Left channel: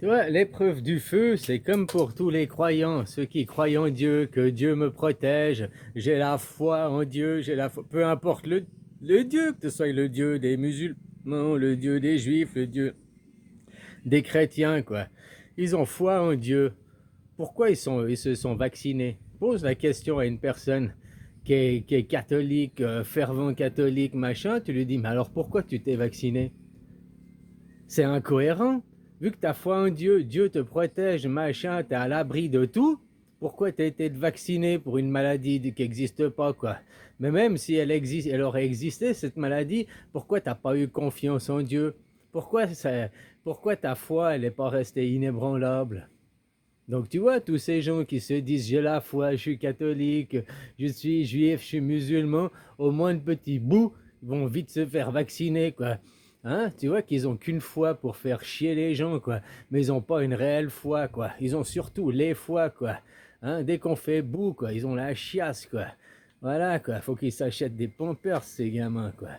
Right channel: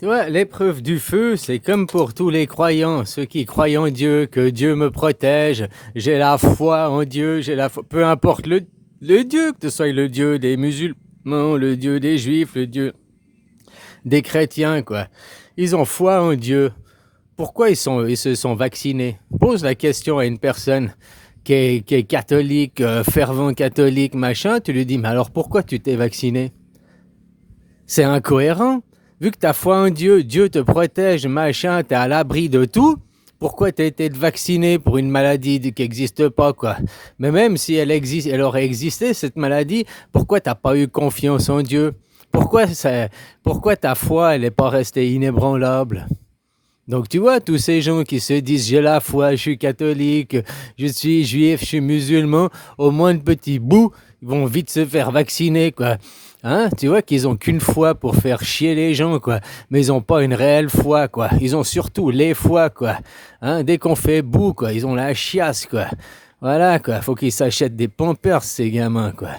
Tu vois, l'épreuve du feu, c'est comme pour tous les croyants, ceux qui croient en Dieu, que Dieu me protège, j'ai la foi en Dieu, j'ai la foi, peu importe le Dieu, que ce soit le Dieu des musulmans, le Dieu des juifs, le Dieu des chrétiens, quoi. Ils ont foi en Dieu. Pourquoi ils se sont vaccinés? Pose la question à une personne qui est catholique, fervent catholique, machin, tu lui dis, mais alors pourquoi tu t'es vacciné? C'est incohérent. Vu que tu as foi en Dieu, Dieu te protège, machin, tu es à l'abri de tout. Pourquoi tu as été vacciné pour une maladie qui n'existe pas, quoi? Mais même si elle existe, elle aurait existé, cette maladie, pourquoi tu n'as pas eu confiance en Dieu? Pourquoi ta foi, elle n'est pas restée inébranlable? Donc tu vois, tous ces gens qui se disent j'ai la foi, je suis catholique, je suis juif, je suis musulman, au moins de petits bouts, ils vont vite se faire vacciner, quoi. Hein? Tu vois qu'ils ont qu'une foi pour faire chier les gens, quoi. Mais ils n'ont pas une réelle foi, quoi. Ils ont surtout les foi, quoi. Hein? Dès qu'on fait bout, quoi, ils ont la chiasse, quoi. Voilà, quoi. Faut qu'ils s'achètent des pampers, ces gamins, quoi.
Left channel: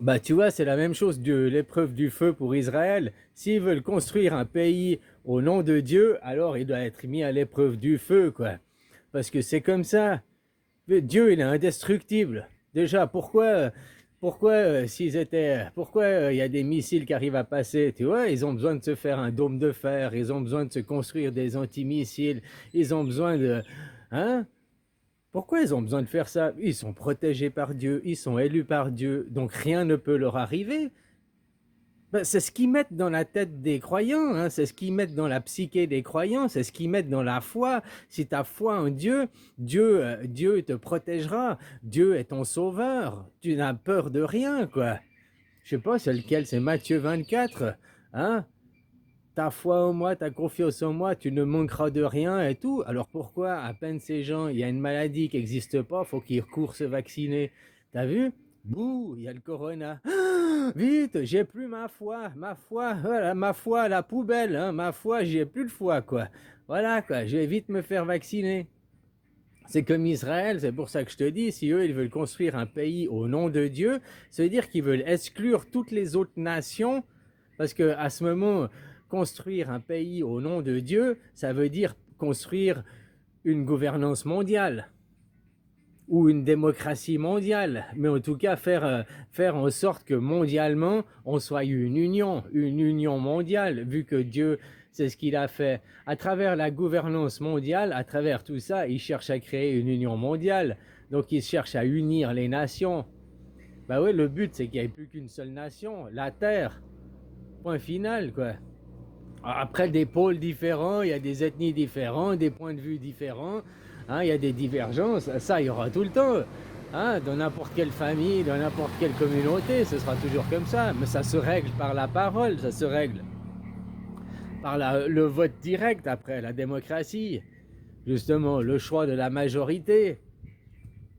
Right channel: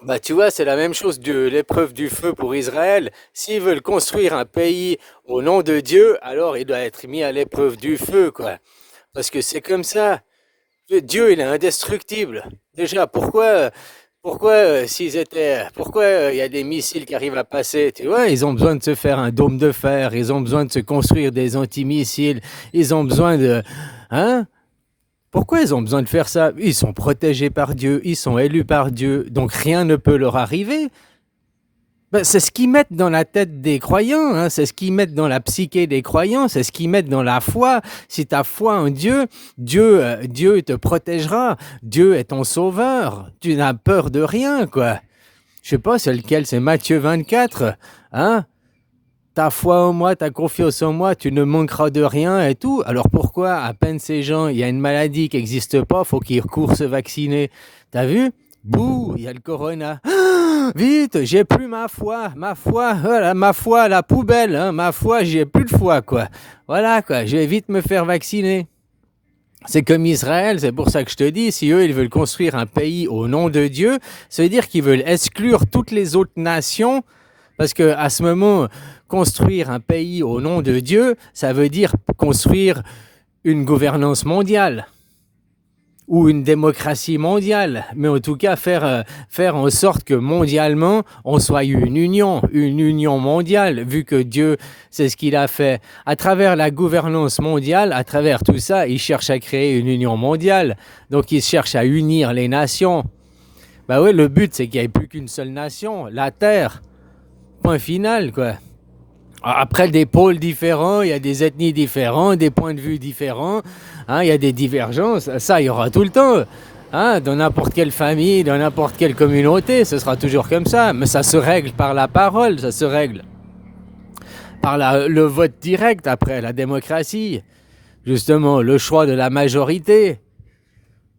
Bah, tu vois, c'est la même chose de l'épreuve du feu pour Israël. S'ils veulent construire un pays au nom de Dieu, alors il doit être mis à l'épreuve du feu, quoi. Parce que c'est comme ça. Dieu, il est indestructible. Déjà, pourquoi il y a des missiles qui arrivent à passer, tu vois, ils ont besoin de se faire un dôme de fer, ils ont besoin de se construire des antimissiles, ils ont besoin de, hein? Pourquoi ils ont besoin de faire ça? Ils sont protégés par Dieu, ils sont élus par Dieu, donc rien ne peut leur arriver. Ben, c'est ce qu'ils mettent dans la tête des croyants, hein, c'est ce qu'ils mettent dans la psyché des croyants, c'est ce qu'ils mettent dans la foi. Si tu as foi en Dieu, Dieu te protégera. Dieu est ton sauveur. Tu n'as peur de rien, quoi. Je sais pas, c'est lequel? C'est Matthieu 24. Hein? Ta foi en moi, ta confiance en moi, tu ne manqueras de rien et tout. Alors pourquoi, à peine ces gens, il y a une maladie qui n'existe pas, faut qu'ils courent se vacciner? T'as vu? Bouh, il y a le corona. Ah, vite, j'ai plus ma foi à la poubelle, hein, ma foi, j'ai plus de foi, quoi. Voilà, quoi, je vais vite me faire vacciner. C'est comme Israël, c'est pour ça que je te dis, si eux, ils veulent construire un pays au nom de Dieu, ça veut dire qu'ils veulent exclure toutes les autres nations, parce que à ce moment, construire un pays au nom de Dieu, ça veut dire construire une gouvernance mondiale ou une démocratie mondiale, mais en tout cas faire en sorte que mondialement, on soit une union mondiale, vu que Dieu, c'est ce qu'il a fait. À travers la gouvernance mondiale, à travers tout ça, il cherche à créer une union mondiale, donc il cherche à unir les nations. Bah ouais, le but, c'est qu'il n'y ait plus qu'une seule nation, la Terre, point final, quoi. Après, des pôles différents, il y a des ethnies différentes, des points de vue différents, hein, il y a des divergences, ça, il y aura tout le temps. Hein, dans n'importe quelle famille, dans n'importe quelle communauté, ce sera toujours comme ça. Mais ça se règle par la parole, ça se règle par le vote direct après, la démocratie. Justement, le choix de la majorité.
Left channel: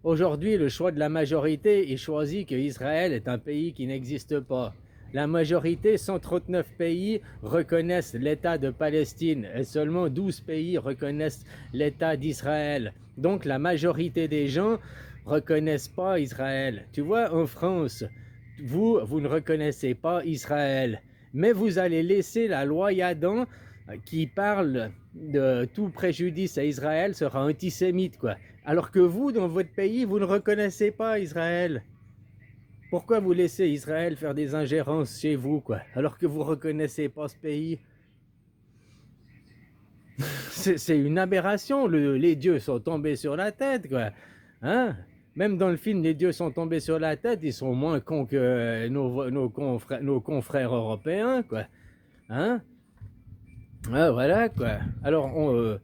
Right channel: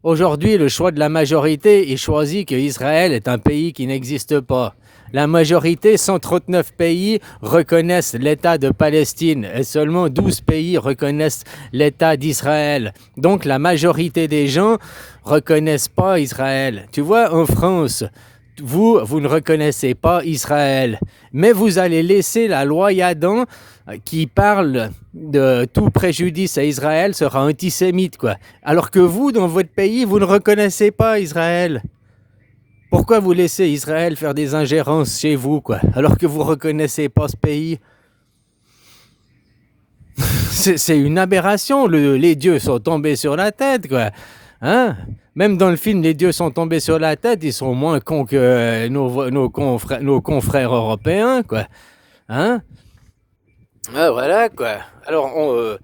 Aujourd'hui, le choix de la majorité, il choisit que Israël est un pays qui n'existe pas. La majorité, 139 pays, reconnaissent l'État de Palestine et seulement 12 pays reconnaissent l'État d'Israël. Donc la majorité des gens reconnaissent pas Israël. Tu vois, en France, vous ne reconnaissez pas Israël, mais vous allez laisser la loi Yadan qui parle de tout préjudice à Israël sera antisémite, quoi. Alors que vous, dans votre pays, vous ne reconnaissez pas Israël. Pourquoi vous laissez Israël faire des ingérences chez vous, quoi, alors que vous ne reconnaissez pas ce pays? C'est une aberration. Les dieux sont tombés sur la tête, quoi. Hein? Même dans le film, les dieux sont tombés sur la tête, ils sont moins cons que nos confrères européens, quoi. Hein? Ah, voilà, quoi. Alors,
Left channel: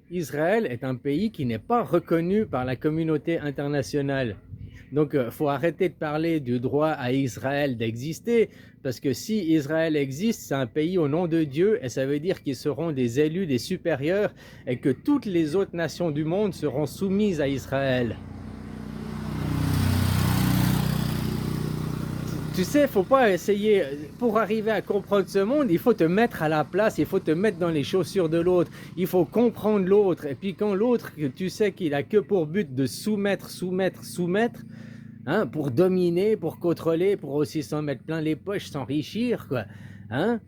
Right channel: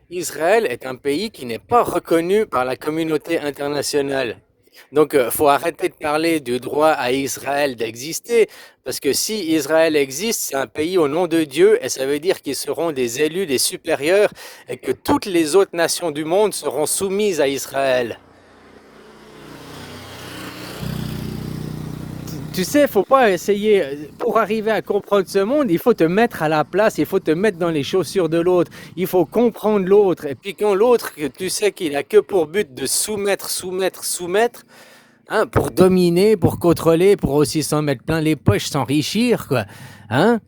Israël est un pays qui n'est pas reconnu par la communauté internationale. Donc, faut arrêter de parler du droit à Israël d'exister, parce que si Israël existe, c'est un pays au nom de Dieu, et ça veut dire qu'ils seront des élus, des supérieurs, et que toutes les autres nations du monde seront soumises à Israël. Tu sais, faut pas essayer, pour arriver à comprendre ce monde, il faut te mettre à la place, il faut te mettre dans les chaussures de l'autre, il faut comprendre l'autre. Et puis quand l'autre, que tu sais qu'il a que pour but de soumettre, hein, pour dominer, pour contrôler, pour aussi s'en mettre plein les poches, s'enrichir, quoi. Hein?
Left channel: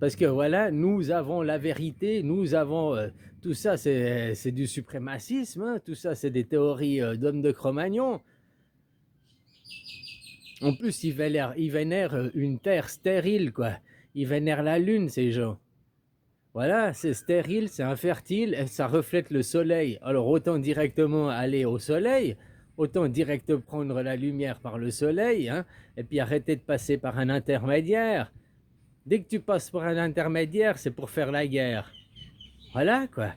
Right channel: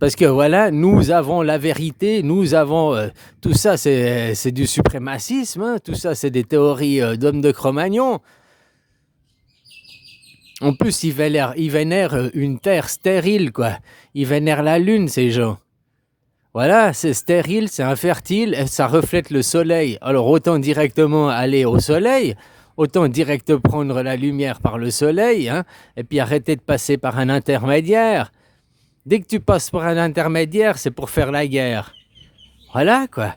Parce que voilà, nous avons la vérité, nous avons tout ça, c'est du suprémacisme, hein, tout ça, c'est des théories d'hommes de Cro-Magnon. En plus, ils vénèrent une terre stérile, quoi. Ils vénèrent la lune, ces gens. Voilà, c'est stérile, c'est infertile, et ça reflète le soleil. Alors autant directement aller au soleil, autant direct prendre la lumière par le soleil, hein, et puis arrêter de passer par un intermédiaire. Dès que tu passes par un intermédiaire, c'est pour faire la guerre. Voilà, quoi.